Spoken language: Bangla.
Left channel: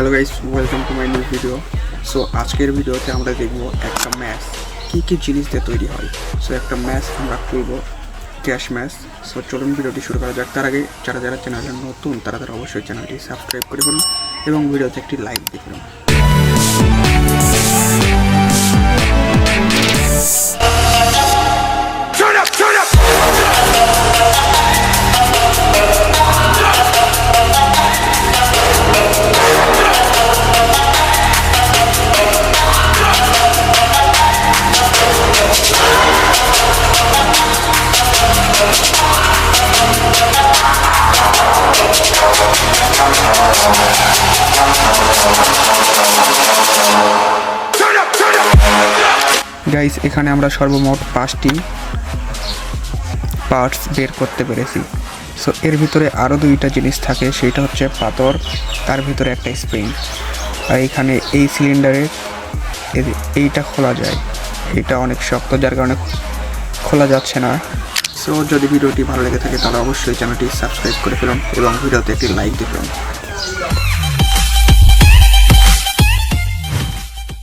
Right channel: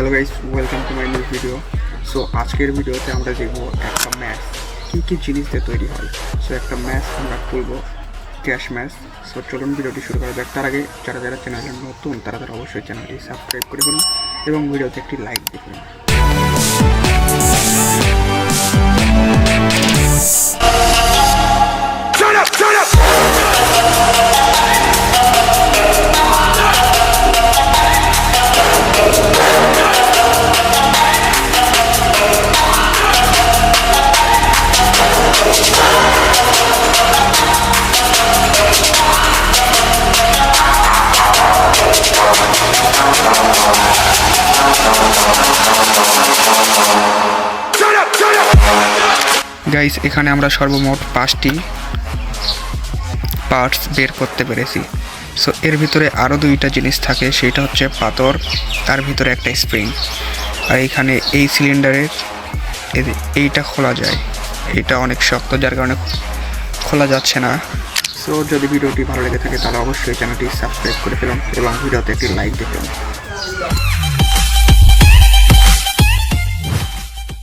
Hello guys, welcome to my new video. So আজকের ভিডিওতে আমরা দেখব একটা ম্যাচ কী জিনিস দিয়ে তৈরি হয়। সো একটা ম্যাচ আমরা খুলবো, ক্যাশ ম্যাচ। সো চলুন ভিডিওটি শুরু করা যাক। তার আগে যারা চ্যানেলে নতুন তারা অবশ্যই চ্যানেলটি সাবস্ক্রাইব করে ফেলুন এবং ভিডিওতে একটি লাইক দিয়ে ফেলুন। গাইস, এখানে আমরা সর্বমোট 5টি পার্টস বের করতে পেরেছি। সো এর ভিতরে আরও 2টা জিনিস থাকে, সেইটা হচ্ছে পাথর, তার ভিতরে একটা স্প্রিং। আর এখানে এই সিলিন্ডারের এইটা খোলা যায়, এটা অনেক শক্ত যার কারণে খোলা যাচ্ছে না। সো যদি ভিডিওটি ভালো লেগে থাকে তাহলে অবশ্যই চ্যানেলটি সাবস্ক্রাইব করে ফেলুন এবং ভিডিওতে একটি লাইক দিয়ে ফেলুন।